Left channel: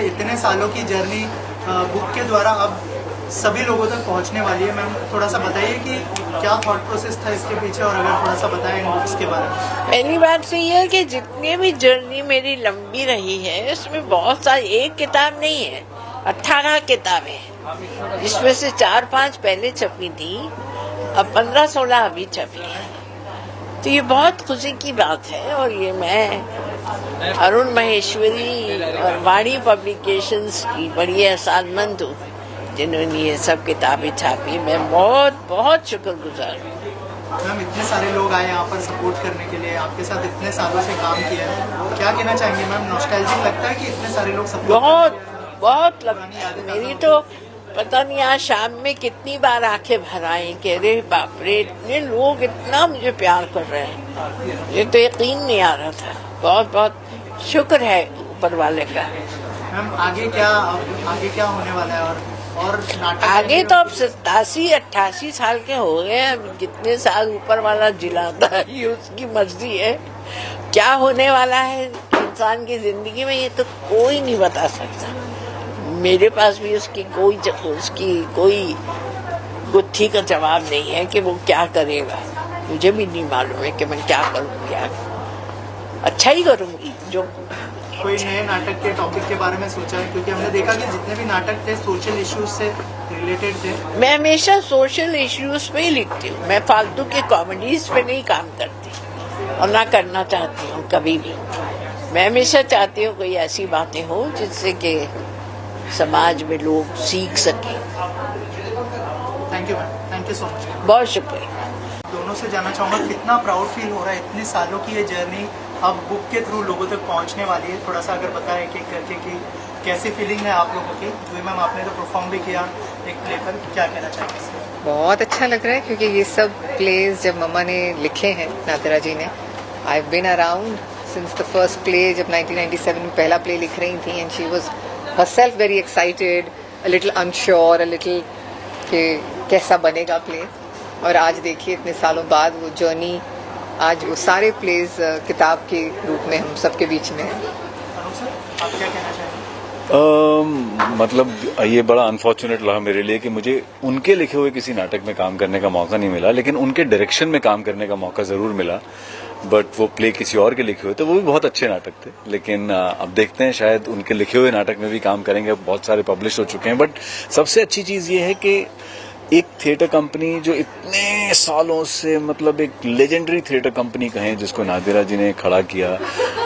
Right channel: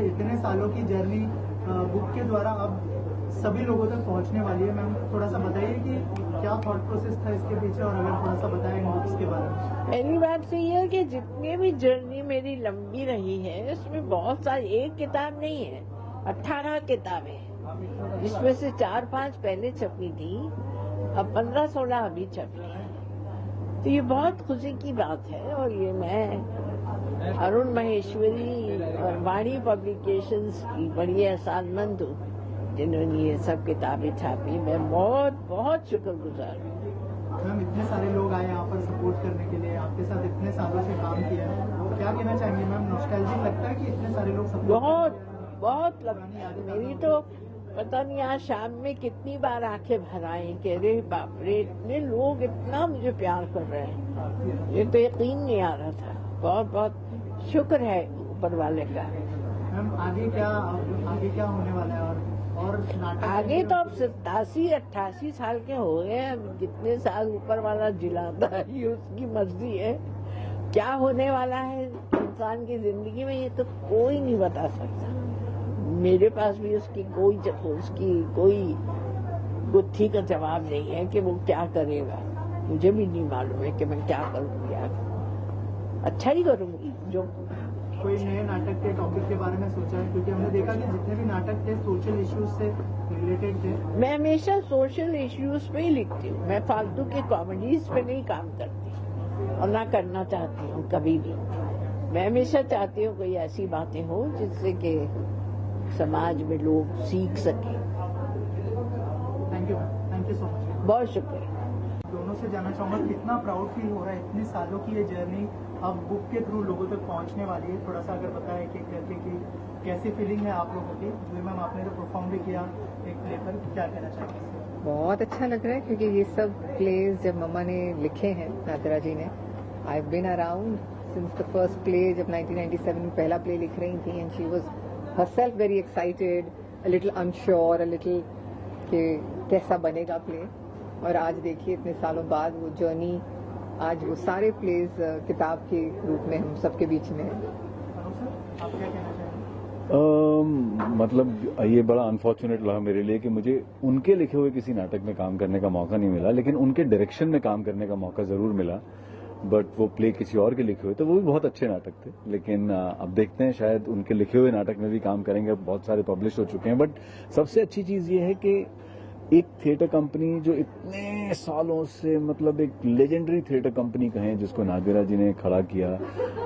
अच्छा, इतने सालों की जर्नी बुक के द्वारा अब सभी लोगों तक पहुंचने वाली है। मैम थोड़ा सा बताइए कि क्या थॉट प्रोसेस था इसके पीछे, और अगर थोड़ा सा बताएं इन बुक्स के बारे में। पहली बात तो ये है कि जितनी भी जर्नी मेरी लंबी रही है उसमें बहुत सारी, एक किताब नहीं है, 18 किताबें हैं, जिसमें से 4-5 पहले छपी थी, अब 15-16 अभी छपी है। तो ये बहुत खुशी की बात है। और ये मैं अरुण माहेश्वरी और वाणी पब्लिकेशंस की बड़ी एहसानमंद हूँ जिन्होंने ये सब किताबें छापी। मैं बहुत बहुत शुक्रगुजार हूँ। मैम इतने सारे लोग आए यहाँ पर सपोर्ट करने के लिए, आपके साथ इतने सालों से काम किया है, क्या कहना चाहेंगे मैम? नॉस्टैल्जिक लगता है कि इतने सारे लोग सपोर्ट बहुत बहुत लगती। मेरी तो पता नहीं आज शाम में कितनी बार आंखें भर आई कि अरे बाप रे, इतने लोग इतना मुझे प्यार कर रहे हैं, ये तो यकीन नहीं आ रहा था। बहुत बहुत शुक्र है ऊपर वाले का। मैम आगे क्या होने वाला है? और नाटक आगे तो अब 87-88 साल के हो गए हैं, जितने साल ऊपर वाला जिलाता है ये उसकी मर्जी है। क्या होने वाला है इंसान की जिंदगी में ये तो कोई नहीं बता सकता। मेरे पास भी उसकी कोई गुत्थी का जवाब नहीं है कि वो क्या करेगा। मुझे भी नहीं मालूम है कि मैं क्या करूँगी। अच्छा ही करूँगी। जो कोई नए नाटक के टॉपिक के बारे में सोचा है? क्योंकि हमने देखा कि जितने भी नाटक थे सोशल इश्यूज से रिलेटेड थे। मैं हमेशा सोशल इश्यूज पे ही लिखती हूँ। मैं फालतू के कॉमेडीज पे नहीं काम करती और ना करना चाहती हूँ कभी भी। मैं हमेशा चाहती हूँ कोई ऐसी बातें हो जिससे कि समाज में लोग सीख सकें। Thank you ma'am, thank you so much. बहुत शुक्रिया। दोनों से जानना चाहूँगा कितना प्राउड फील हो रहा है, इतने सालों की ये जर्नी अब बुक के थ्रू लोगों तक पहुँचने वाली है। थोड़ा सा अगर बताएं कि करके कि कैसी फीलिंग है आप लोगों की? जो मैम आपने तो परफॉर्म भी किया एक प्ले पर, क्या कहना चाहेंगे? बहुत अच्छा लग रहा है क्योंकि ये सब प्लेज जब मम्मा ने लिखे हैं, नादिरा जी ने, I have been around since the first play. जब 1997 में पहला प्ले लिख रही थी and she was herself very excited, a little unsure, a little कि कैसा बनेगा प्ले। और आज देखिए इतने सालों बाद वो जर्नी, आज वो सारे प्लेज किताब के रूप में हम सबके बीच में है। अरुण सर, आप क्या कहना चाहेंगे? मतलब ये बड़ा अनफॉर्चुनेट रहा मेरे लिए कि मुझे उनके लिखे हुए किसी नाटक में काम करने का मौका नहीं मिला, लेकिन उनके डायरेक्शन में काम करने का मौका जरूर मिला। बट वो प्ले किसी और के लिखे हुए थे, वो भी बहुत अच्छे नाटक थे। लेकिन अब देखते हैं, शायद उनके लिखे हुए नाटक में भी काम करेंगे। बहुत सारे पब्लिश हो चुके हैं। बट सबसे अच्छी चीज ये है कि एक थिएटर कंपनी जो इतने सालों से, मतलब एक लेजेंडरी थिएटर कंपनी कहें जिसको नादिरा जी ने खड़ा किया,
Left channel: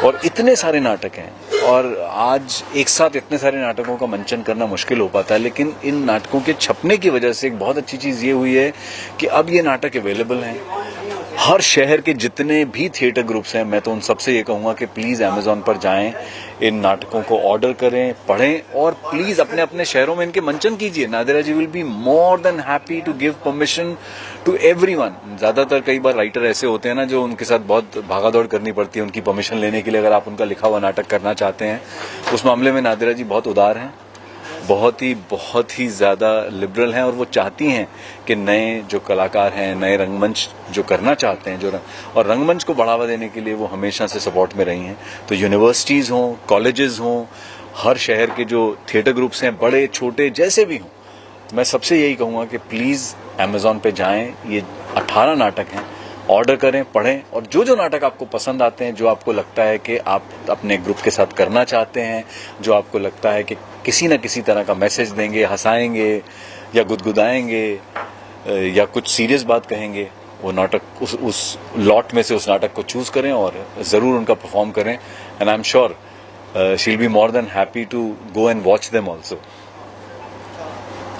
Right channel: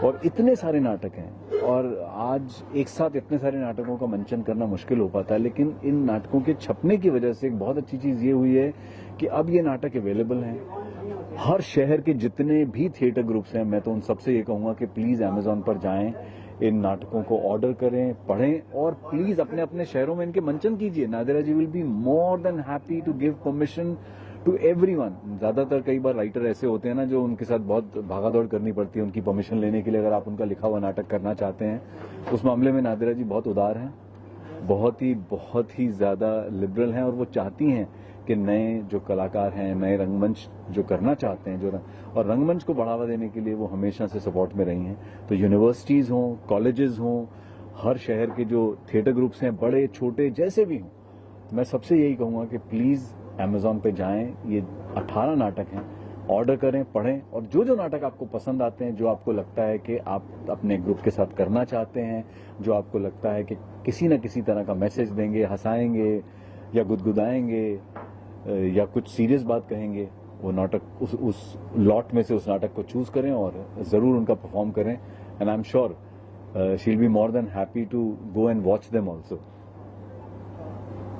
और इतने सारे नाटक हैं, और आज एक साथ इतने सारे नाटकों का मंचन करना मुश्किल हो पाता है। लेकिन इन नाटकों के छपने की वजह से एक बहुत अच्छी चीज़ ये हुई है कि अब ये नाटक अवेलेबल हैं। हर शहर के जितने भी थिएटर ग्रुप्स हैं, मैं तो उन सबसे ये कहूँगा कि प्लीज़ अमेज़ॉन पर जाएं, इन नाटकों को ऑर्डर करें, पढ़ें, और प्लीज़ अपने अपने शहरों में इनके मंचन कीजिए। Nadira ji will be more than happy to give permission to everyone. ज़्यादातर कई बार राइटर ऐसे होते हैं ना, जो उनके साथ बहुत भागादौड़ करनी पड़ती है उनकी परमिशन लेने के लिए। अगर आप उनका लिखा हुआ नाटक करना चाहते हैं, उस मामले में नादिरा जी बहुत उदार हैं, बहुत ही ज़्यादा लिबरल हैं, और वो चाहती हैं कि नए जो कलाकार हैं, नए रंगमंच जो करना चाहते हैं, और रंगमंच को बढ़ावा देने के लिए वो हमेशा से सपोर्ट में रही हैं। तो यूनिवर्सिटीज़ हों, कॉलेजेस हों, हर शहर के जो थिएटर ग्रुप्स हैं, बड़े छोटे जैसे भी हों, मैं सबसे यही कहूँगा कि प्लीज़ अमेज़ॉन पे जाएं। ये 18 नाटक हैं, ऑर्डर करें, पढ़ें, और जो नाटक आपको पसंद आते हैं, जो आपको लगता है कि आप अपने ग्रुप के साथ करना चाहते हैं, जो आपको लगता है कि किसी न किसी तरह का मैसेज देंगे, हंसाएंगे या गुदगुदाएंगे या कुछ सीरियस बात कहेंगे, वो नाटक उस लॉट में से उस नाटक को चूज करें और ज़रूर उनका परफॉर्म करें। And I am sure she will be more than happy to go and watch them also.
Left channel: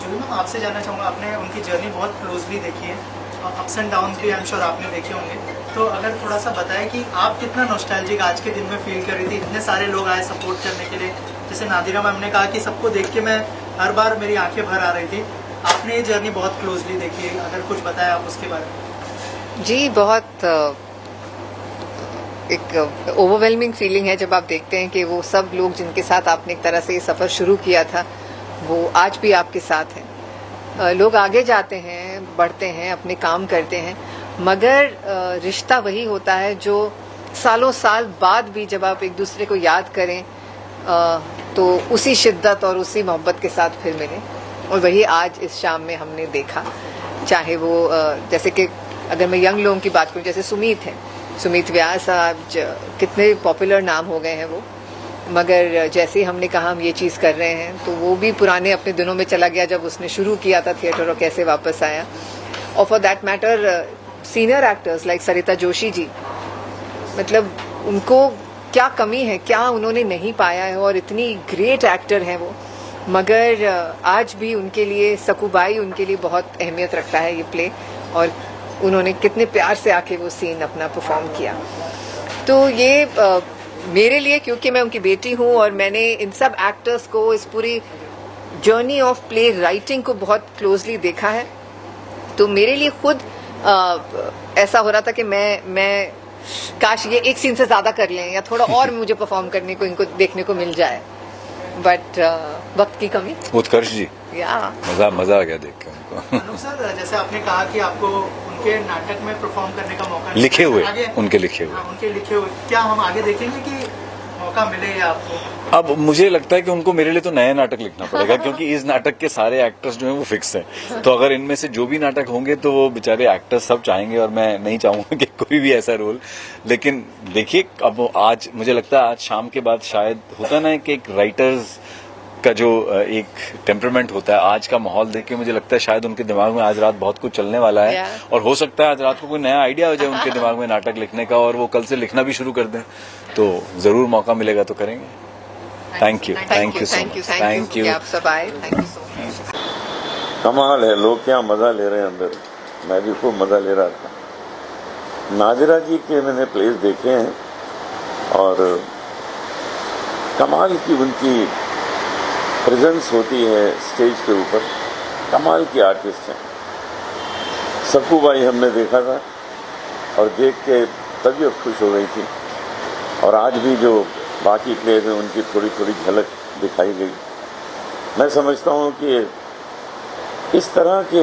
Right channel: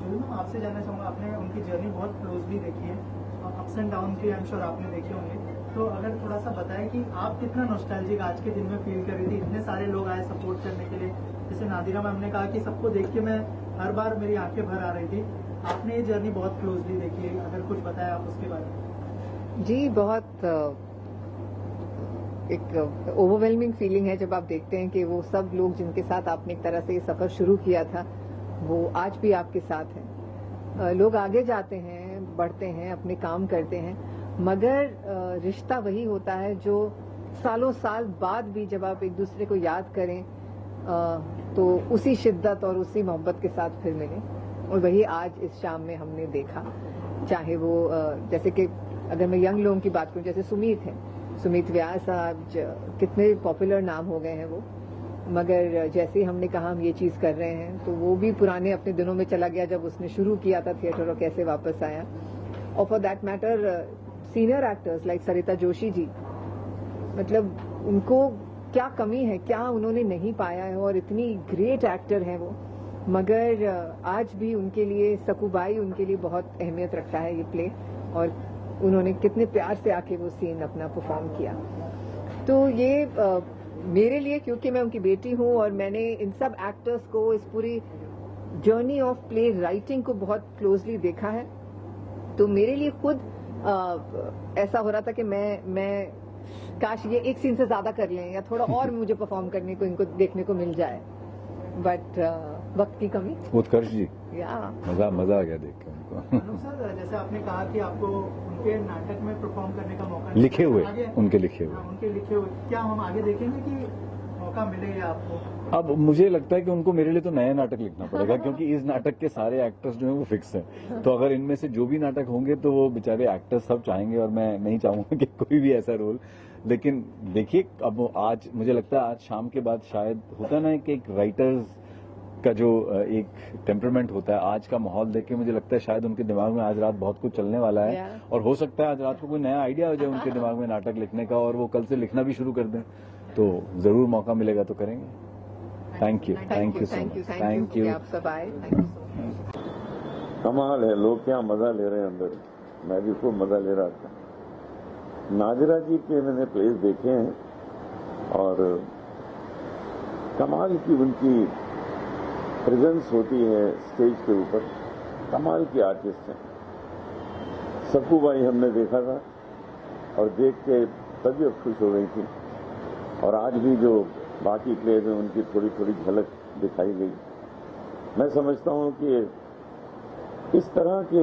Ma'am आपसे जानना चाहूँगा, आपने उनकी जर्नी बहुत क्लोजली देखी है, अप्स एंड डाउन भी आई एम श्योर आपने देखे होंगे, तो अगर थोड़ा सा बताएं कि आप कितना नॉस्टैल्जिक आज के दिन में फील कर रही थी? इतने सारे लोग आए सपोर्ट करने के लिए, जैसे नादिरा मैम ने कहा कि सबको देख के मैं हर बार मेरी आंखें भर आ रही थी। आपने ये जर्नी बहुत क्लोजली देखी है, अगर कुछ बताएं आप उसके बारे में। जी, बहुत एक ओवरवेलमिंग फीलिंग है जब आप देखते हैं कि वो सब लोग जिनके साथ आपने एक तरह से ये सफ़र शुरू किया था, वो आज भी आपके साथ हैं। लोग आगे जाते हैं, बढ़ते हैं, अपने काम करते हैं, मगर रिश्ता वही होता है जो सालों साल बाद भी जब आप एक दूसरे को याद करें, तो उसी शिद्दत और उसी मोहब्बत के साथ फिर मिले, और वही आज इस शाम में हमने देखा। चाहे वो जैसे कि अगर मैं यंग लोगों की बात करूं, जैसे सुमीत है, सुमीत व्यास साहब कितने पॉपुलर नाम हो गए हैं वो, मगर जैसे ही हमने कहा हम ये चीज़ कर रहे हैं तो वो भी पुराने अपने दिनों में चला गया जब उसने शुरू किया था थिएटर और कैसे वापस आया। और for that matter senior actors like Sarita Joshi ji, मतलब उनको क्या कमी है, क्या उन्होंने नहीं पाया है, और इतनी ग्रेट एक्टर हैं वो, मगर आज भी उनके लिए सकूबाई उनके लिए बहुत अहमियत रखता है ये प्ले, और उन्होंने कितने प्यार से आके वो सीन अपना परफॉर्म किया। तो ये मेरे लिए, क्योंकि मैं उनकी बेटी हूँ और मैंने इन सब एक्टर्स को इस पूरी जर्नी ऑफ प्ले राइटिंग को बहुत क्लोजली देखा है, तो मेरे लिए खुद ऐसा हो रहा था कि मैं काश ये एक सीन से ज़्यादा कर लें या थोड़ा और मुझे परफॉर्म करने को इनको देखने को मिल जाए, बट वक्त की कमी। उत्कर्ष जी, या मजा आ गया देख के उनको। अनुप सर, जैसे आपने कहा कि आपको उनके नाटक में परफॉर्म करने का मौका लिखे हुए, आगे उनके लिखे हुए, उनके लिखे हुए, क्या हम आगे देखेंगे कि मौका मिलेगा आपको? अब मुझे लगता है कि उनको मेरे लिए तो नया नाटक लिखना पड़ेगा, क्योंकि इस नाटक के सारे एक्टर्स जो हैं वो फिक्स हैं। तो अगर इनमें से जो भी नाटक होंगे तो वो बेचारे एक्टर्स सब चाहेंगे, और मैं नहीं चाहूंगा कि कोई भी ऐसा रोल। लेकिन देखिए, अब आज मुझे लगता है आज शाम के बाद शायद होता ना कि एक राइटर्स का जो एक टेम्परामेंट होता है, आज का माहौल देख के मुझे लगता है शायद उनके दिमाग में आज रात बहुत कुछ चलने वाला है, और हो सकता है आज रात को कोई नया आइडिया हो जाए उनके दिमाग में नाटक लिखने का, और वो कल से लिखना भी शुरू कर दें। तो जरूर मौका मिलेगा तो करेंगे। Thank you so much, thank you. आप सब आए, थैंक यू सो मच। कमाल है, लोग क्या मजा ले रहे हैं अंदर, मैं भी खूब मजा ले रहा था। नादिरा जी के मैंने प्लेस देखे हैं, और कमाल की उनकी प्रेजेंस होती है स्टेज के ऊपर, कमाल की आर्टिस्ट हैं। सकूबाई हमने देखा था और देख के तबीयत खुश हो गई थी, और आज भी जो बाकी प्लेस हैं उनकी थोड़ी थोड़ी झलक दिखाई गई। मैं समझता हूँ कि इस तरह के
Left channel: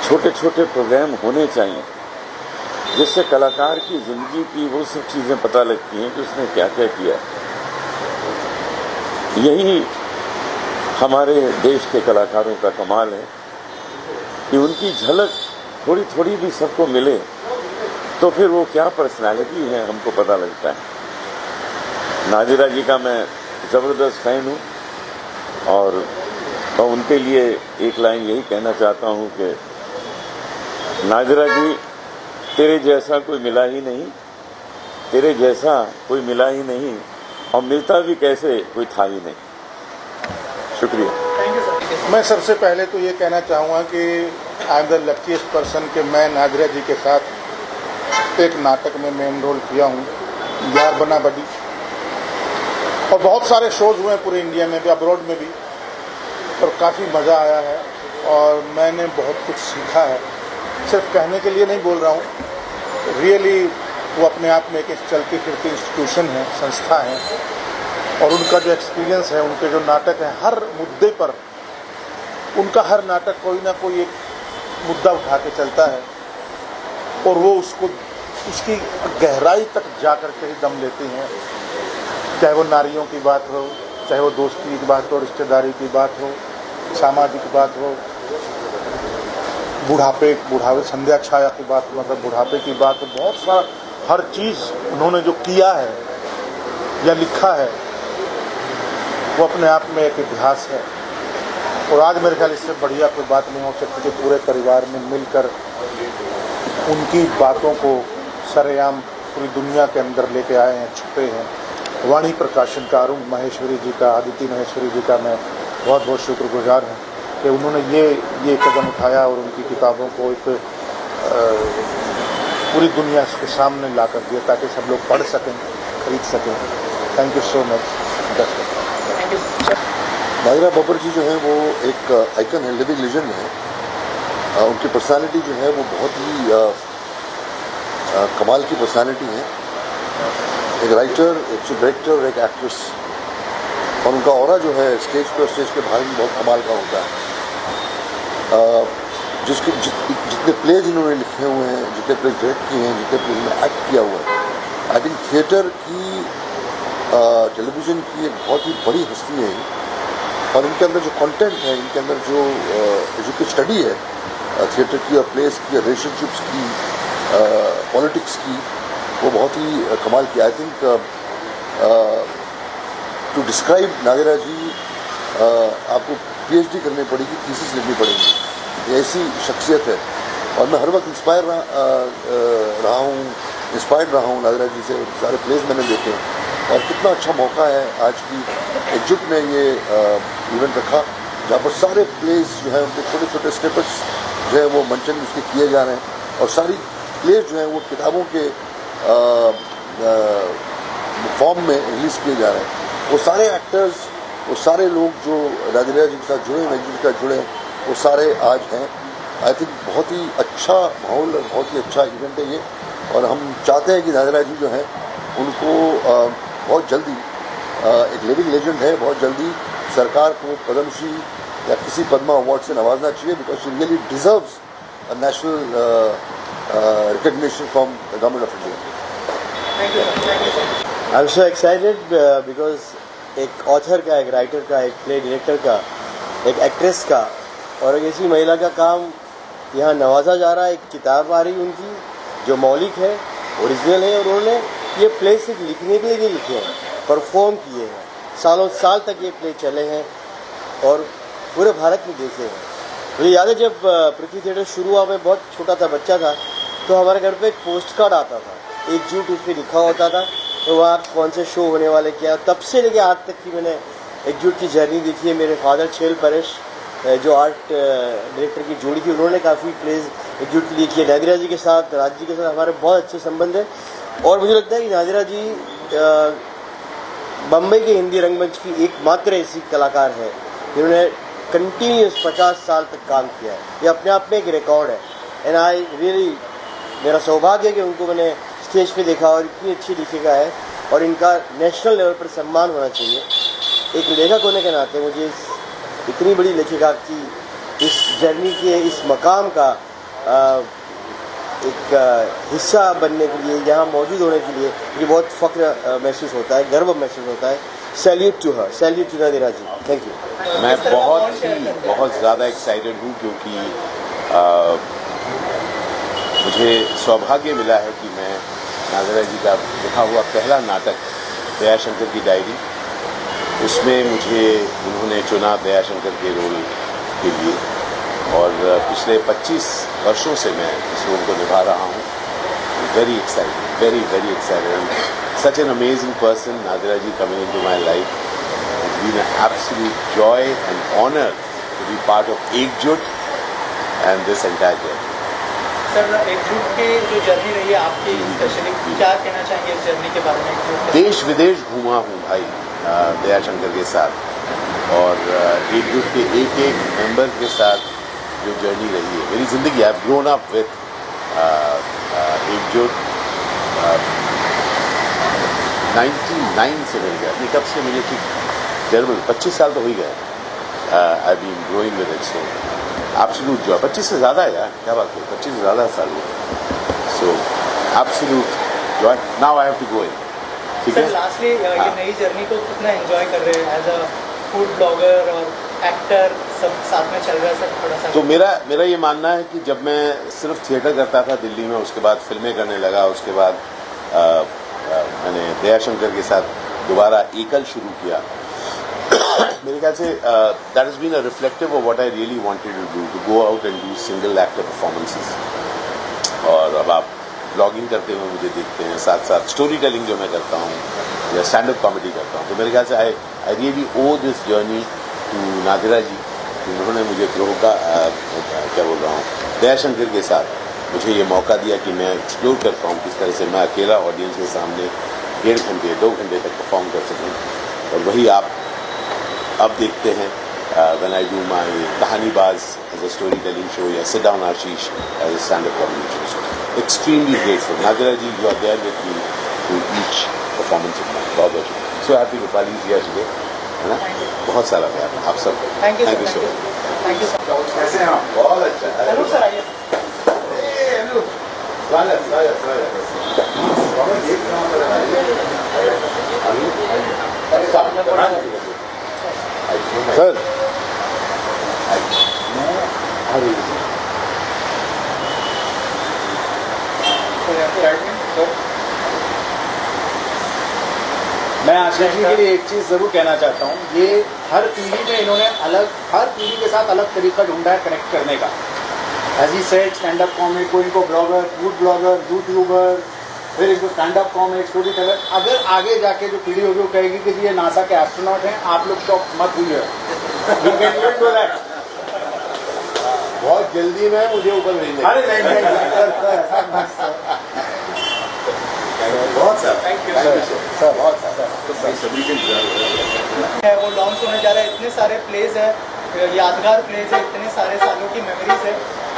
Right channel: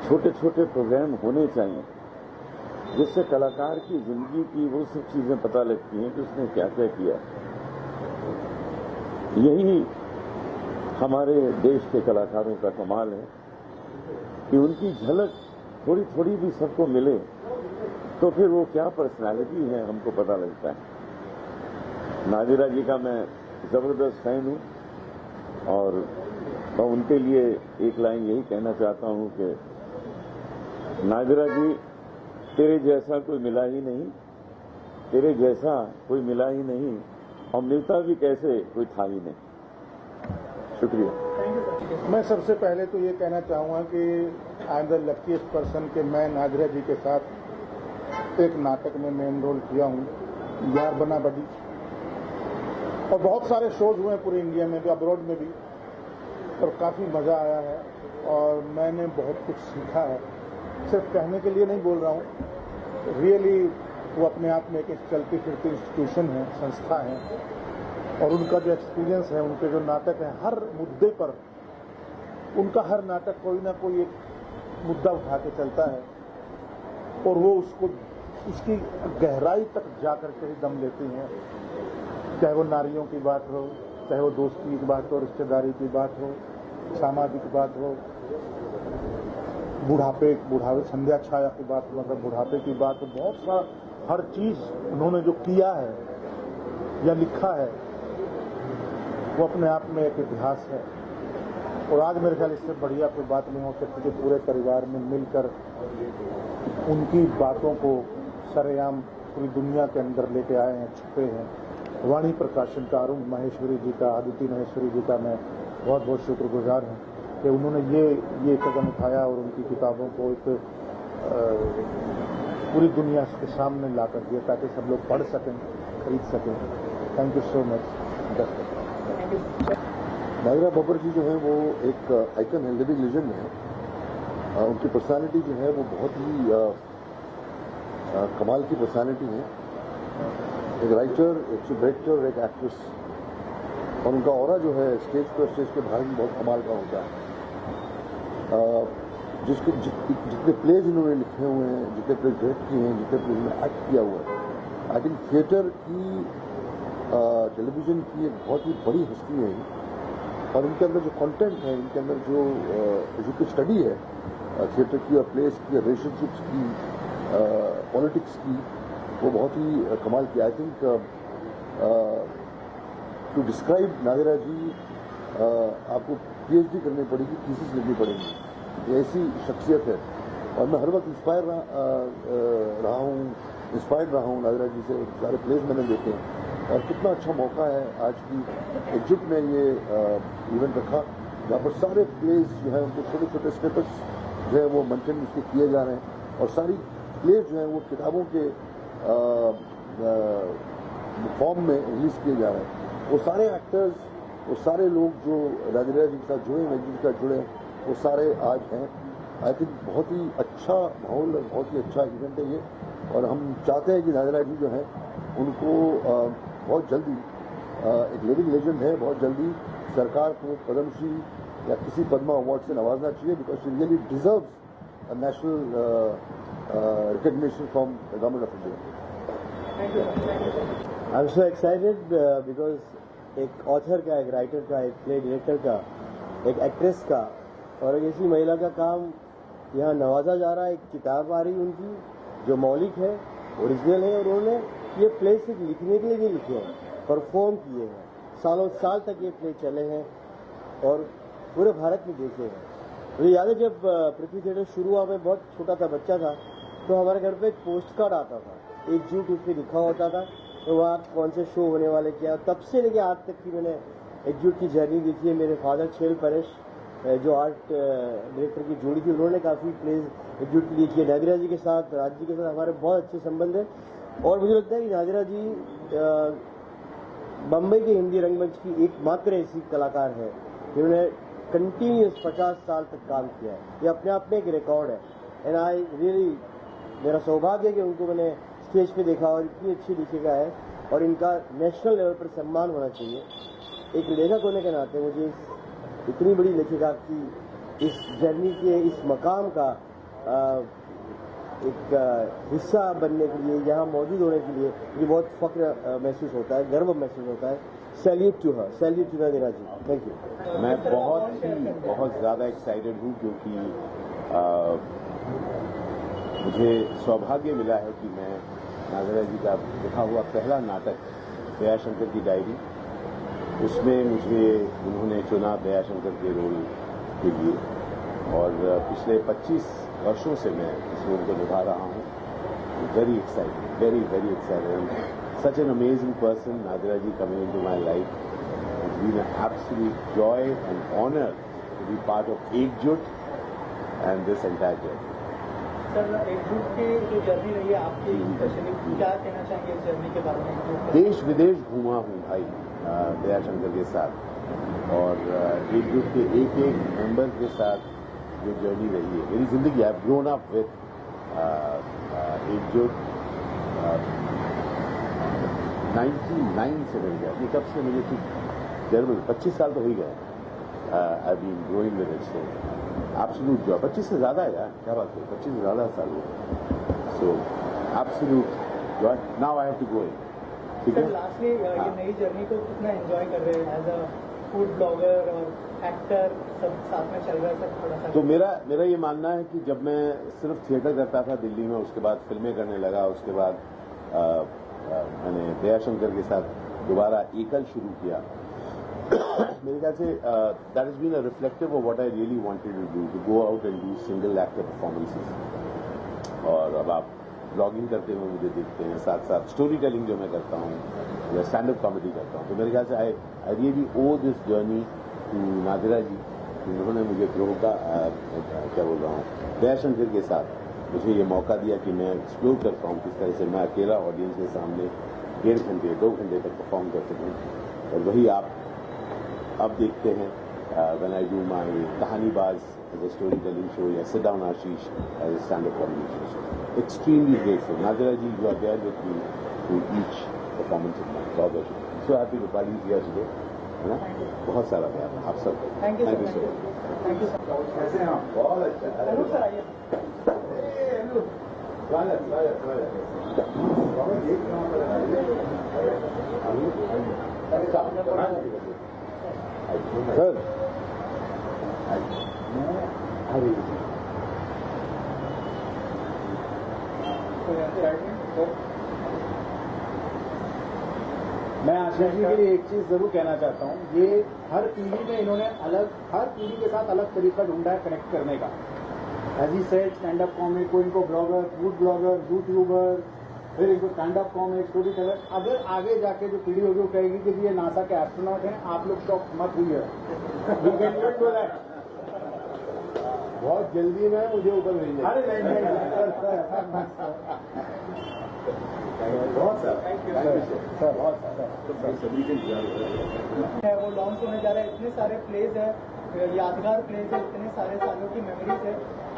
छोटे छोटे प्रोग्राम होने चाहिए, जिससे कलाकार की ज़िंदगी की वो सब चीज़ें पता लगती हैं कि उसने क्या क्या किया है। यही हमारे देश के कलाकारों का कमाल है कि उनकी झलक थोड़ी थोड़ी भी सबको मिले, तो फिर वो क्या पर्सनालिटी है हमको पता लगता है। नादिरा जी का मैं ज़बरदस्त फ़ैन हूँ, और मैं उनके लिए एक लाइन यही कहना चाहता हूँ कि नादिरा जी, तेरे जैसा कोई मिला ही नहीं, तेरे जैसा कोई मिला ही नहीं, और मिलता भी कैसे कोई था ही नहीं। शुक्रिया। मैं सबसे पहले तो ये कहना चाहूँगा कि I am the luckiest person कि मैं नादिरा जी के साथ एक नाटक में मेन रोल किया हूँ, यार बना बड़ी, और बहुत सारे शोज हुए हैं पूरे इंडिया में भी, अब्रॉड में भी, और काफ़ी मज़ा आया है, और मैंने बहुत कुछ सीखा है। सिर्फ कहने के लिए नहीं बोल रहा हूँ, रियली वो अपने आप में एक चलती फिरती इंस्टीट्यूशन है, संस्था है, और उनका जो एक्सपीरियंस है, उनके जो नाटक है, हर मुद्दे पर उनका हर नाटक कोई ना कोई एक मुद्दा उठा के चलता है, और वो उसकी गहराई तक जा कर के ही दम लेते हैं। चाहे वो नारियों की बात हो, चाहे वो दोस्ती की बात हो, रिश्तेदारी की बात हो, सामाजिक बात हो, बुढ़ापे संध्या छाया की बात, मतलब बुढ़ापे की बात, बहुत सारा हर चीज़ उन्होंने जो किया है या लिखा है वो अपने आप में एक इतिहास है। और आज मेरे ख्याल इससे बढ़िया कोई बात नहीं हो सकती कि पूरे परिवार में मिलकर उनकी बातों को सरेआम पूरी दुनिया के अंदर लेके आए हैं, छुपे हैं। वाणी प्रकाशन का अरुण महेश्वरी जी का, आदित्य महेश्वरी जी का मैं बहुत बहुत शुक्रगुजार हूँ कि उन्होंने ये कदम उठाया और उनकी किताबों को एक पूरी दुनिया के सामने ला कर दिया ताकि सब लोग पढ़ सकें, खरीद सकें। Thank you so much. Nadira Babbar ji जो है वो एक आइकन है, लिविंग लेजेंड है। उनकी पर्सनालिटी जो है वो बहुत ही कमाल की पर्सनालिटी है। एक राइटर, एक डायरेक्टर और एक एक्ट्रेस, और उनका ऑरा जो है स्टेज पे और स्टेज के बाहर भी बहुत कमाल का होता है। जितने प्लेज इन्होंने लिखे हुए हैं, जितने प्लेज डायरेक्ट किए हैं, जितने प्लेज में एक्ट किया हुआ है, आई थिंक थिएटर की टेलीविज़न की एक बहुत ही बड़ी हस्ती है और इनके अंदर जो कंटेंट है, इनके अंदर जो एजुकेट स्टडी है थिएटर की और प्लेस की, रिलेशनशिप्स की, पॉलिटिक्स की, वो बहुत ही कमाल की। I think to describe Nadira ji आपको PhD करनी पड़ेगी, थीसिस लिखनी पड़ेगी। ये ऐसी शख्सियत है और मैं हर वक्त इंस्पायर्ड रहा हूँ नादिरा जी से। सारे प्लेस मैंने देखे और कितना अच्छा मौका है आज की एकजुट ने ये इवेंट रखा, जहाँ पर सारे प्लेस जो हैं उनके छोटे छोटे स्निपेट्स जो है वो मंचन उसके किए जा रहे हैं और सारी प्लेस जो हैं वो किताबों के फॉर्म में रिलीज़ किए जा रहे हैं। वो सारे एक्टर्स, वो सारे लोग जो नादिरा जी के साथ जुड़े हैं, एकजुट के साथ जुड़े हैं, वो सारे आज हैं। आई थिंक बहुत ही अच्छा माहौल और बहुत ही अच्छा इवेंट है ये और हम चाहते हैं कि नादिरा जी जो हैं उनको बहुत जल्दी एक लिविंग लेजेंड है, बहुत जल्दी सरकार को पद्मश्री या किसी पद्मा अवार्ड से नवाजना चाहिए because she really deserves a national recognition from the government of India. I am so excited because एक ऑथर का, एक राइटर का, एक प्ले डायरेक्टर का, एक एक्ट्रेस का और एक ऐसी महिला का काम यहाँ नवाजा जा रहा है। एक किताब आ रही उनकी जो मौलिक है, ओरिजिनल है और उन्होंने ये प्ले सिर्फ लिखने के लिए नहीं लिखे हैं, परफॉर्म किए हैं। सालों साल तक ये प्ले चले हैं और पूरे भारत में देखे हैं। मुझे याद है जब पृथ्वी थिएटर शुरू हुआ, मैं बहुत छोटा था, बच्चा था, तो हमारे घर पे एक पोस्ट कार्ड आता था, एकजुट उस पर लिखा होता था, तो वहाँ कौन से शो होने वाले क्या। तब से लेके आज तक की मैंने एकजुट की जर्नी देखी है। मेरे फादर छेल परेश जो आर्ट डायरेक्टर की जोड़ी थी, उन्होंने काफ़ी प्लेज एकजुट के लिए किए। नादिरा जी के साथ, राज जी के साथ हमारे बहुत अच्छे संबंध हैं और मुझे लगता है कि नादिरा जी बम्बई के हिंदी रंगमंच की एकमात्र ऐसी कलाकार है जिन्होंने कंटिन्यूस 50 साल तक काम किया है। ये अपने आप में एक रिकॉर्ड है एंड आई रियली, मेरा सौभाग्य है कि उनको मैंने स्टेज पे देखा और इतनी अच्छी लेखिका है और इनका नेशनल लेवल पर सम्मान होना चाहिए। एक लेखक होने के नाते मुझे इतनी बड़ी लेखिका की इस जर्नी के, इस मकाम का एक हिस्सा बनने के लिए, यहाँ मौजूद होने के लिए मुझे बहुत फ़ख्र महसूस होता है, गर्व महसूस होता है। Salute to her, salute to Nadira ji, thank you. मैं बहुत ज़्यादा एक्साइटेड हूँ क्योंकि मुझे सौभाग्य मिला है कि मैं नादिरा जी का लिखा हुआ पहला नाटक दयाशंकर की डायरी, उसमें मुझे उन्होंने चुना दयाशंकर के रोल के लिए और पिछले 25 वर्षों से मैं इस रोल को निभा रहा हूँ। Very excited, very very excited. Such an amazing person, Nadira ji coming into my life. It's been an absolute joy and honor to be part of Ekjut and this entire journey. Sir, एकजुट की जो journey रही है आपकी, specially क्या कहना चाहेंगे इस जर्नी के बारे में? देश विदेश घूमा हूँ भाई दयाशंकर के साथ और एकजुट के एक एक मेंबर के साथ जो जर्नी रही है मेरी ज़िंदगी। I have grown up with एकजुट। 99 से मिल गया, कब से मुझे ठीक टेरेबल 25 साल तो हो ही गए। I been growing with it, so absolute joy. 25 से ज़्यादा है यार, क्या बात है, 25 से ज़्यादा साल हो गए। So absolute joy. Now I have to go in. ठीक है। लास्टली ये नई जर्नी को कितना एंजॉय कर रहे हैं एज अ फूड ब्लॉगर और एक्टर, सब साथ में चल रहा है सर? थोड़ा सा तो मेरा ये मानना है कि जब मैं सिर्फ थिएटर करता था दिल्ली में, उसके बाद फिल्में करने लगा, उसके बाद मैंने दयाशंकर के साथ दोबारा एकल शुरू किया। मेरे ख्याल से that has been a reflective of what I really wanted to do, to go out and do single actor performances. और अब आप ब्लॉगिंग करते हुए मुझे देखते हैं, साथ साथ स्टोरी टेलिंग जो मैं करता हूँ या स्टैंड अप कॉमेडी करता हूँ। तो मेरे ख्याल से I really owe this journey to Nadira ji. उन्होंने मुझे ग्रोह का क्या बोल रहा हूँ, दयाशंकर के साथ मुझे ये मौका दिया कि मैं एक्सप्लोर कर पाऊँ किस तरह से मैं अकेला ऑडियंस के सामने 1.5 घंटे 2 घंटे तक परफॉर्म कर सकूँ। और वही आप अब देखते हैं when I do my Kahaanibaaz as a story telling show या sit down Ashish as a stand up comedy show. Extremely grateful Nadira ji, you are there with me to each performance of my. बहुत बहुत सो हैप्पी रूपाली जी आज today, है ना। बहुत सारा प्यार आप सब। Thank you so much. Thank you sir. कैसे हैं आप? बहुत अच्छा। जरूर सर, आइए। स्वागत। सर मैं आशीष जी के लिए एक चीज़ ज़रूर कहना चाहता हूँ, ये हर पीढ़ी में इन्होंने हर पीढ़ी के साथ अलग तरीका ढूंढा है कनेक्ट करने का। As he said stand up comic, कोई इनको ब्लॉगर, फूड ब्लॉगर, यूट्यूबर, फिर इनको stand up comic, story teller. अगर आगे जाके जो पीढ़ी होगी वो कहेगी कि जी ये नासा के एस्ट्रोनॉट हैं, आप लोग शॉक मत हुई है। बहुत जल्दी में मुझे ऊपर भेजेंगे। अरे नहीं बहुत सर थैंक यू सर बहुत है वो लॉन्च होने जा रहा है, इतने सारे प्लेज है, यादगार प्लेज है, इतने सारे सालों की मेमोरीज है,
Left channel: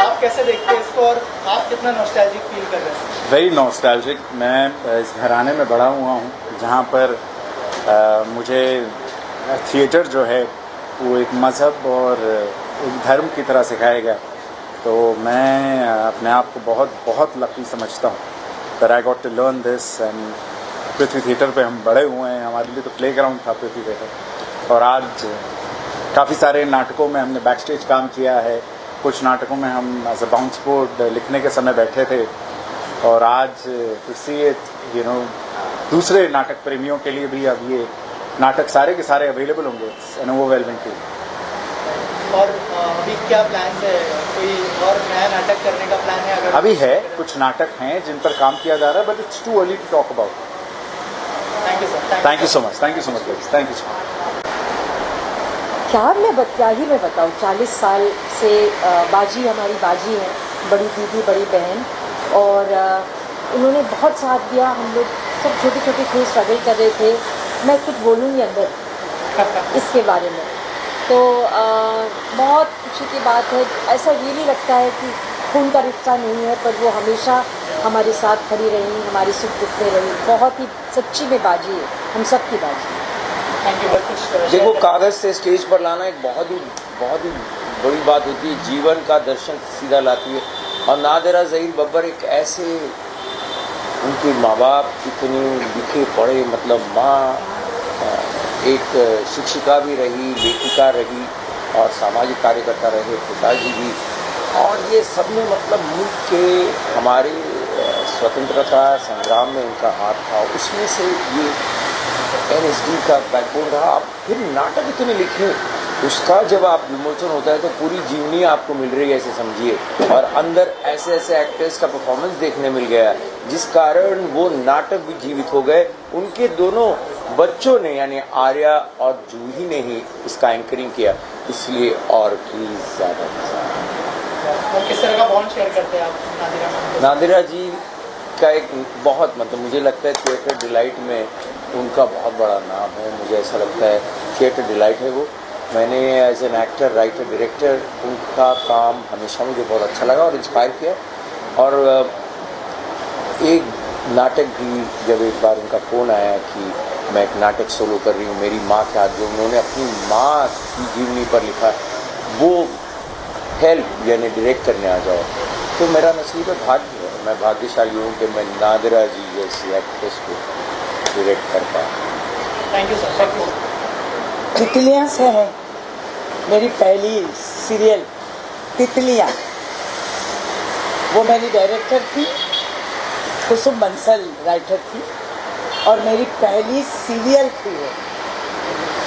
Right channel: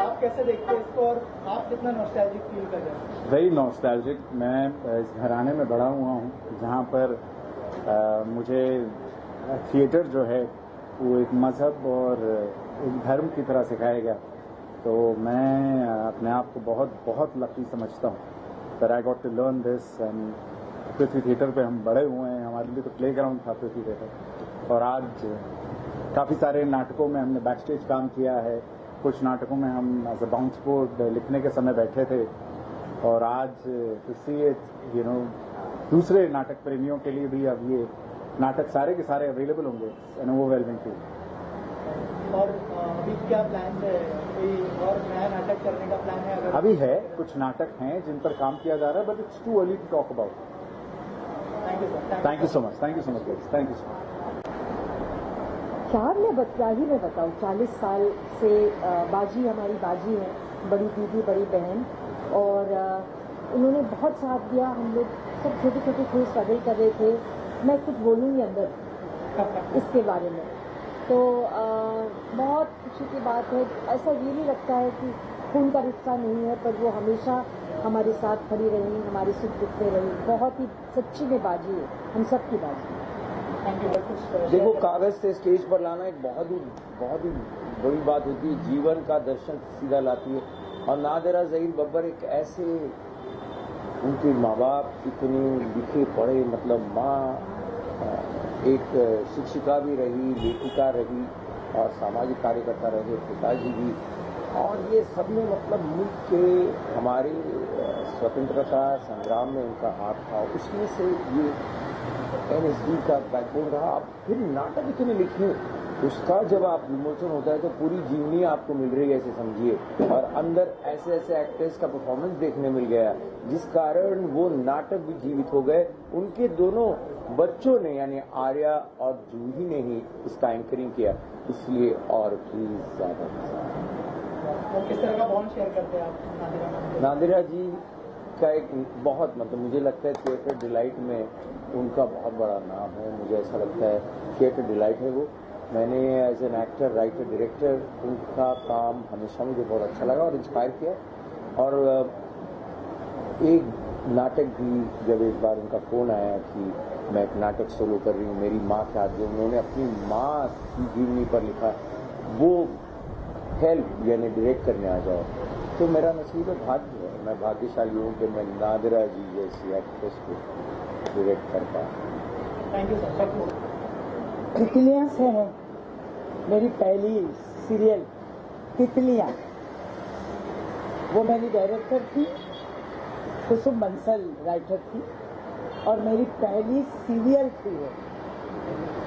आप कैसे देखते हैं इसको और आप कितना नॉस्टैल्जिक फील कर रहे हैं? Very nostalgic. मैं इस घराने में बड़ा हुआ हूँ जहाँ पर मुझे थिएटर जो है वो एक मज़हब और एक धर्म की तरह सिखाया गया। तो मैं अपने आप को बहुत बहुत लकी समझता हूँ that I got to learn this and Prithvi theatre पे हम बड़े हुए हैं, हमारे लिए तो प्लेग्राउंड था पृथ्वी थिएटर। और आज काफ़ी सारे नाटकों में हमने बैक स्टेज काम किया है, कुछ नाटकों में हम एज अ बाउंस बोर्ड लिखने के समय बैठे थे, और आज to see it you know दूसरे नाटक प्रेमियों के लिए भी अब ये नाटक सारे के सारे अवेलेबल होंगे। N overwhelming feel. और अभी क्या प्लान है, कोई और नया नाटक करने का प्लान है? अगर अभी है, कुछ नाटक हैं जिन पर काम किया जा रहा है, but it's too early to talk about. Thank you sir. Thank you so much, thank you so much, thank you so much. क्या ही मैं बताऊँ, 40 साल से बाजी हमारी बाजी है, बड़ी दीदी बड़ी बहन, और उन्होंने बहुत साथ दिया। हम लोग सब छोटे छोटे थे, स्ट्रगल कर रहे थे। मैं कुछ बोलूँगी अंदर इसके बारे में, तो बहुत खुशी की बात है। ऐसा रियली लगता है कि खून का रिश्ता नहीं है, पर वो हमेशा हमारे साथ खड़ी रही, हमारे सुख दुख में रही। बहुत ही सच्ची में बाजी है, हम सब की बाजी है। Thank you. देखो, कागज़ से स्टेज पर लाना एक बहुत ही बड़ी बात होती है, जीवन का दर्शन सीधा लाती है। और नादिरा ज़हीर बब्बर एक ऐसे, उनके माँ बाप इतने लिखे पढ़े, मतलब माँ एक शिक्षिका भी रही, लेखिका रही और सामाजिक कार्यकर्ता रहे, पिताजी भी, और ये सब में मतलब मुल्क के हमारे स्वतंत्रता संग्राम में उनका हाथ था। उसमें से ये NSD का बैकबोन रहा। फिर नाटक इतने लिखे, उसका जब आप विमोचन होता है तो पूरी जीवनी आपको मिल रही है, ऐसे समझिए, और अंदर ऐसे ऐसे एक्टर्स का परफॉर्मेंस देखने मिल गया, जिस कारण वो नाटक भी जीवित हो गए। उनके दोनों बच्चों ने, यानी आर्या और जूही ने ही इसका एंकरिंग किया, इसलिए और प्लीज ज़्यादा मजा। और किस तरह का बॉन्ड शेयर करते हैं आप नादिरा मैम? नादिरा जी का एक बहुत, मतलब मुझे लगता है थिएटर डिलाइट में उनका बहुत बड़ा नाम है। मुझे ऐसा लगता है थिएटर डिलाइट है वो। मैंने as an actor, writer, director उनका काम हमेशा मुझे बहुत अच्छा लगा और इंस्पायर किया। और एक नाटक भी, जब एक बार उनका फ़ोन आया कि मैं एक नाटक सोलो कर रही हूँ मेरी माँ के हाथ, जो उन्होंने अपनी माँ की जीवनी पर लिखा, वो हेल्प यानी डायरेक्ट करने आ जाओ, तो मेरा नसीब है, भाग्य है। मैं भाग्यशाली हूँ कि मैं नादिरा जी जैसी एक्ट्रेस को डायरेक्ट कर पाया। Thank you sir. तितलियाँ से है मेरी पहली सीरियल तितलियाँ, वो मेरी डायरेक्टर थी, कुसुम बंसल राइटर थी, और मेरी पहली सीरियल थी वो।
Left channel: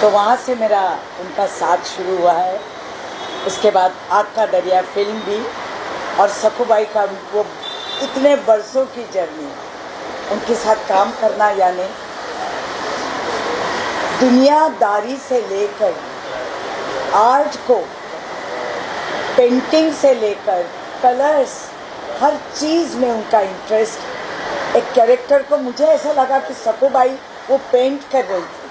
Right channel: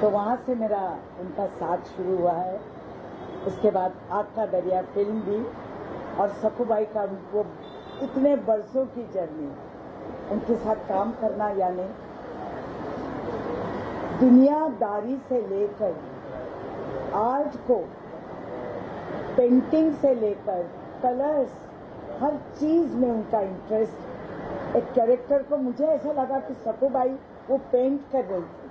तो वहाँ से मेरा उनका साथ शुरू हुआ है। उसके बाद आग का दरिया फिल्म भी, और सखूबाई का वो इतने बरसों की जर्नी, उनके साथ काम करना, यानी दुनियादारी से लेकर आर्ट को, पेंटिंग से लेकर कलर्स, हर चीज़ में उनका इंटरेस्ट। एक कैरेक्टर को मुझे ऐसा लगा कि सखूबाई वो पेंट कर रही थी,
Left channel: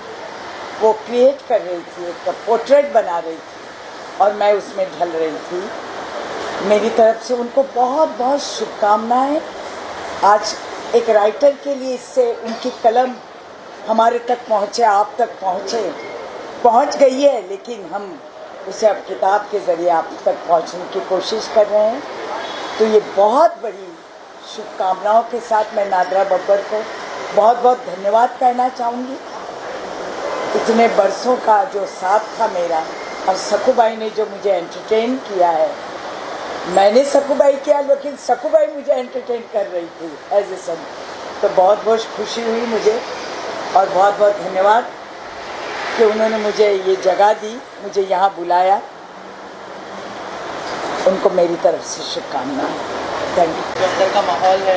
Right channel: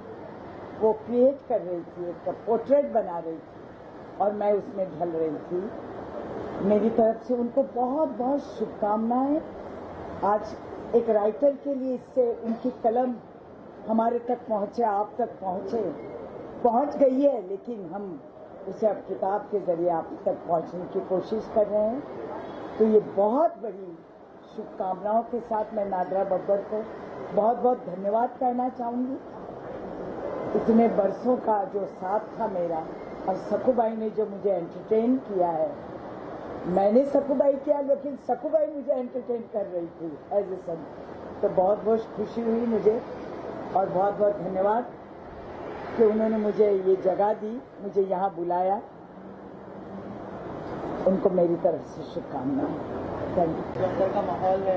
वो क्रिएट कर रही थी, एक पोर्ट्रेट बना रही थी, और मैं उसमें ढल रही थी। मेरी तरफ से उनको बहुत बहुत शुभकामनाएं। आज एक राइटर के लिए इससे उनकी कलम हमारे तक पहुँचे, आप तक पहुँच गई है, लेकिन हम उसे अब किताब के ज़रिए आप तक पहुँचने की कोशिश कर रहे हैं। तो ये बहुत बड़ी शुभकामनाओं के साथ मैं नादिरा बब्बर को बहुत बहुत धन्यवाद कहना चाहूँगी। इतने बरसों का जो साथ था मेरा, और सकूबाई ने जो मुझे एंटरटेन किया है, मैंने सकूबाई किया लेकिन सकूबाई मुझे एंटरटेन कर रही थी एज ए सन। तो बहुत बहुत खुशी हुई मुझे, और बहुत बहुत धन्यवाद कि उन्होंने मुझे ये जगह दी, मुझे यहाँ बुलाया। उनको मेरी तरफ से शुभकामनाएं। Thank you. जो अंदर का माहौल है,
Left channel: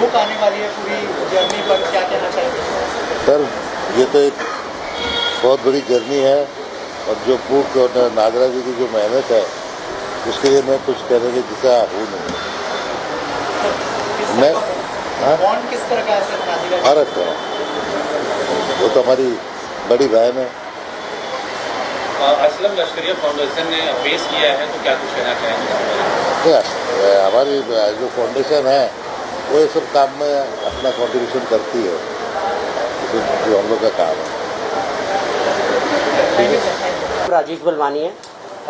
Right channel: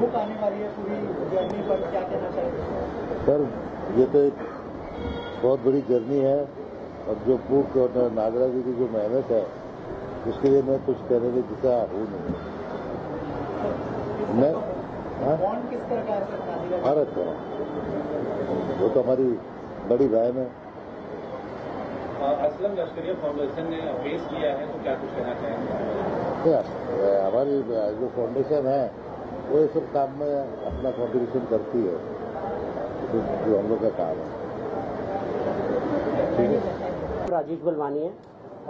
बुक आने वाली है पूरी जर्नी पर, क्या कहना चाहेंगे? सर, ये तो एक बहुत बड़ी जर्नी है, और जो बुक और नादरा जी की जो मेहनत है, उसके लिए मैं कुछ कहने की दिशा हूँ नहीं। मैं बॉन्ड किस तरह का है सर नाज़िरा? भारत का, वो तो हमारी बड़ी बहन है। असलम लश्करिया फाउंडेशन ने पेश किया है, तो क्या कुछ कहना चाहेंगे? हमारी जो फाउंडेशन है वो ये सब काम में अपना कंट्रीब्यूशन करती है, जो हम लोग का काम है। राजेश बलवानी है,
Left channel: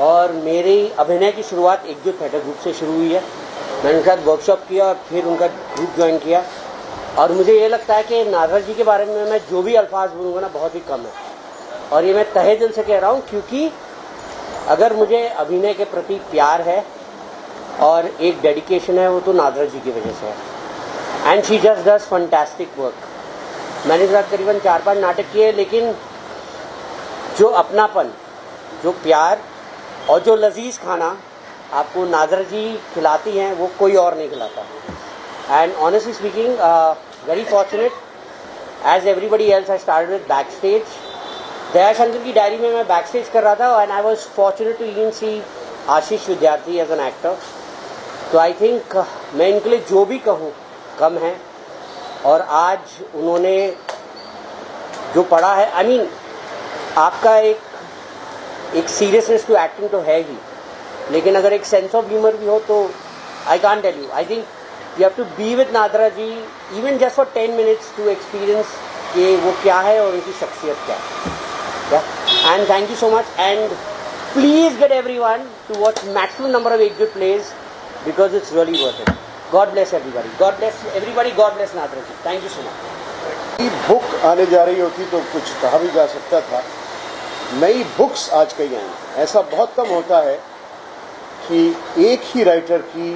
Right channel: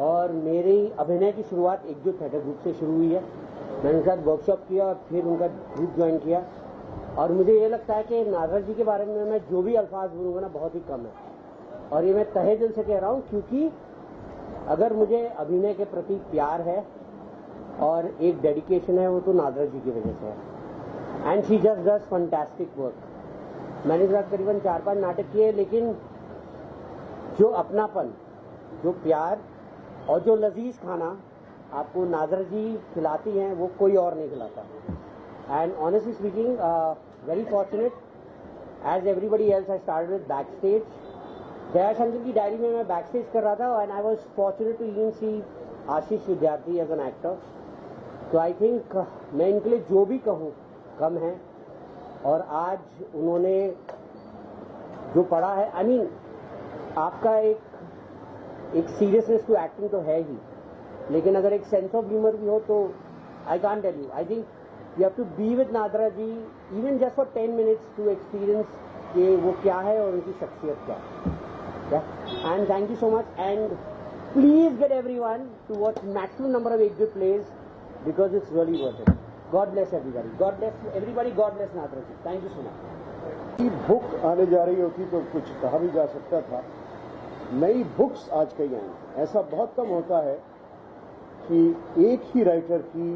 और मेरी अभिनय की शुरुआत एकजुट थिएटर ग्रुप से शुरू हुई है। मैंने उनके साथ वर्कशॉप किया और फिर उनका ग्रुप ज्वाइन किया, और मुझे ये लगता है कि नादरा जी के बारे में मैं जो भी अल्फाज बोलूँगा ना, बहुत ही कम है, और ये मैं तहे दिल से कह रहा हूँ, क्योंकि अगर मुझे अभिनय के प्रति प्यार है और एक डेडिकेशन है, वो तो नादरा जी की वजह से है। And she just does fantastic work. मैंने इस साथ करीबन 4-5 नाटक किए, लेकिन जो अपनापन, जो प्यार और जो लजीज खाना आपको नादरा जी खिलाती हैं, वो कोई और नहीं खिलाता। And honestly speaking, very fortunate, as everybody else I started with back stage. Daya Shankar की डायरी में मैं बैक स्टेज कर रहा था, and I was fortunate to even see Ashish Vidyarthi as an actor. तो आई थिंक मैं इनके लिए जो भी कहूँ कम है, और आज उन्होंने जो पढ़ा है, आई मीन आपका एक सीरियसनेस टू एक्टिंग तो है ही, लेकिन अगर एक सेंस ऑफ ह्यूमर भी हो तो I can't tell you. I think you have to be with Nadira ji even just for 10 minutes to experience कि वो क्या है और उनकी शख्सियत क्या है। And thank you so much, and please get everyone to watch maximum number of Ekjute plays, because it's really worth it. God bless everybody, God bless everybody, God bless Nadira ji. Thank you so much. Book आने जा रही होती तो कुछ कहा भी जा सकता था। नई बुक्स आज कई आई, ऐसा बहुत कम होता है कि एक ही राइटर की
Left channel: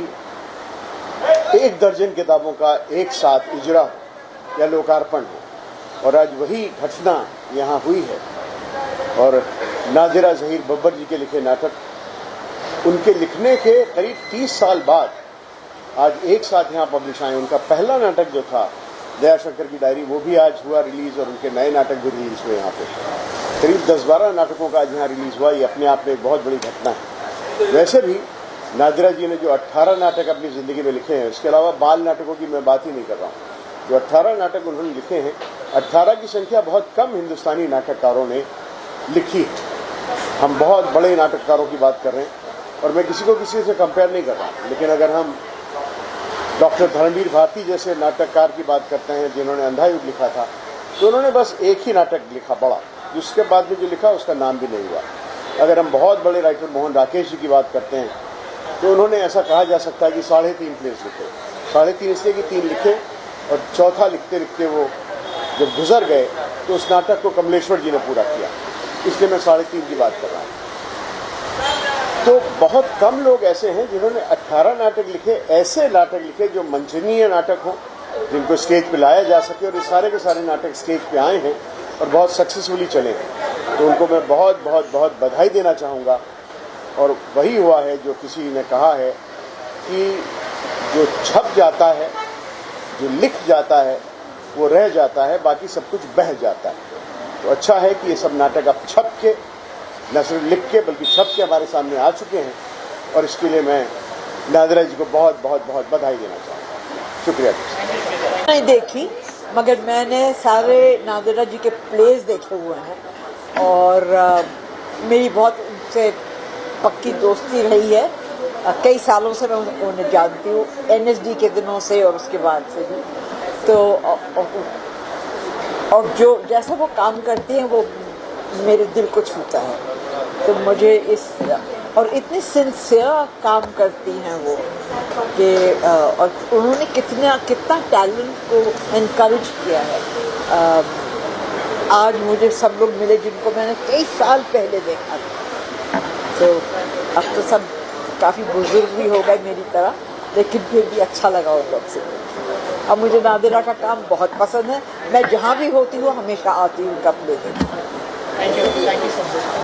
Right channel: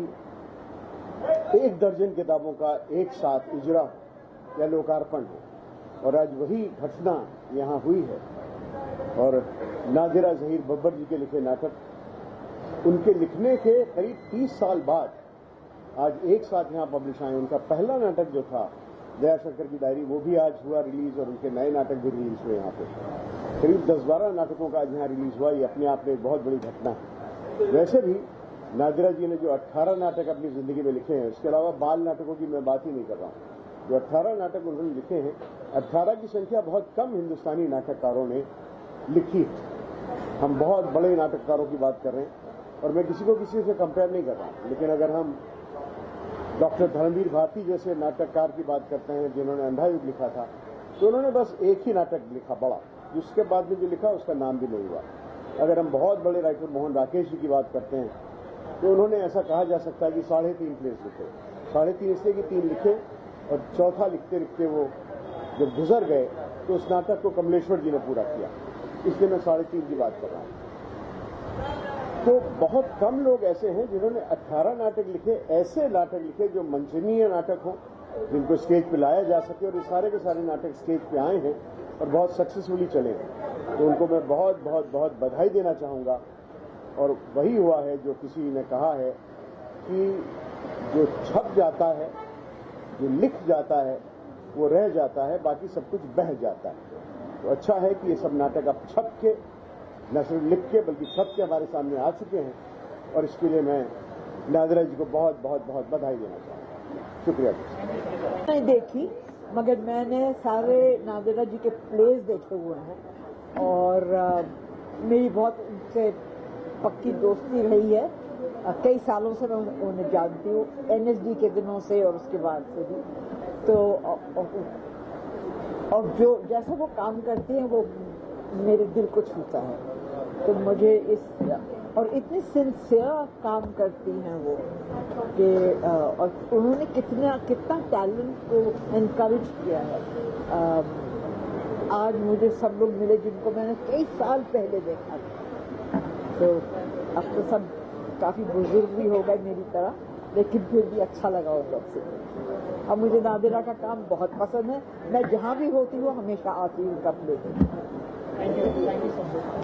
1 दर्जन किताबों का एक साथ इजरा या लोकार्पण हो, और आज वही घटना यहाँ हुई है। और नादिरा ज़हीर बब्बर जी के लिखे नाटक, उनके लिखने के करीब 30 साल बाद आज एक साथ यहाँ पब्लिश आए। उनका पहला नाटक जो था दया शंकर की डायरी, वो भी आज हुआ रिलीज़, और उनके नए नाटक भी रिलीज़ हुए यहाँ पे। करीब 10-12 नाटकों का आज यहाँ रिलीज़ हुआ। ये अपने आप में एक बहुत बड़ी घटना है। वैसे भी नादिरा जी ने जो 18 नाटक अपनी ज़िंदगी में लिखे हैं, इसके अलावा बाल नाटकों की मैं बात ही नहीं कर रहा हूँ, जो 18 नाटक उन्होंने लिखे हैं, 18 की संख्या बहुत कम हिंदुस्तानी नाटककारों ने लिखी है। हम बहुत बड़े नाटककारों की बात कर रहे हैं, और मैं किसी को किसी से कंपेयर नहीं कर रहा, लेकिन अगर हम डॉक्टर धर्मवीर भारती जैसे नाटककार की बात करते हैं जिन्होंने अंधा युग लिखा था, तो उन्होंने बस एक ही नाटक लिखा बड़ा, जिसके बाद में जो लिखा उसका नाम भी नहीं हुआ। अगर हम बहुत बड़े राइटर मोहन राकेश जी की बात करते हैं, तो उन्होंने ऐसा कहा जा सकता है कि 3.5 प्लेस लिखे। 3.5 इसलिए कि 3 लिखे, और चौथा लिखते लिखते वो जब गुजर गए तो उस नाटक को कमलेश्वर जी ने पूरा किया, इसलिए मैं 3.5 की बात कर रहा हूँ। तो बहुत कम लोग ऐसे हैं जिन्होंने 18 नाटक लिखे, ऐसे नाटक लिखे जो मंचनीय नाटक हों, जिनको स्टेज पे लाया जा सके, और ये सारे के सारे नाटक स्टेज पे आए हैं और बहुत सक्सेसफुली चले हैं। तो उनको मैं बहुत बहुत बहुत बधाई देना चाहूँगा। और वही हुआ है जो किसी ने कहा है कि जो छप जाता है, जो लिख जाता है, वो रह जाता है, बाकी सब कुछ बह जाता है। तो अच्छा है कि ये सब नाटक अब छप के, न सिर्फ लिख के बल्कि छप के हमारे सामने आ चुके हैं, और इसके लिए मैं नादिरा जी को बहुत बहुत बहुत बधाई देना चाहूँगा। शुक्रिया। नहीं देखी, मगर मैंने सारे नादिरा जी के प्लेज देखे हुए हैं, और मेरी बहुत उनसे पक्की दोस्ती रही है। कई सालों से मैं उन्हें जानती हूँ, NSD के दिनों से और उसके बाद से भी। तो और जो जैसा वो काम करती हैं वो मेरे दिल को छूता है। तो मुझे इस, और इतनी सिंसियर काम करती हैं वो कि, और उन्होंने कितना टैलेंट को इनकरेज किया है। आज मुझे सब लोग मिले जिनको मैंने कई साल पहले देखा था। तो अब तो सब काफ़ी बुजुर्ग भी हो गए मेरी तरह, लेकिन फिर भी अच्छा लगा उन लोग से। अब मुझे नादिरा का काम बहुत पसंद है, मैं जहाँ भी होती हूँ हमेशा आती हूँ उनका प्ले देखने। Thank you so much.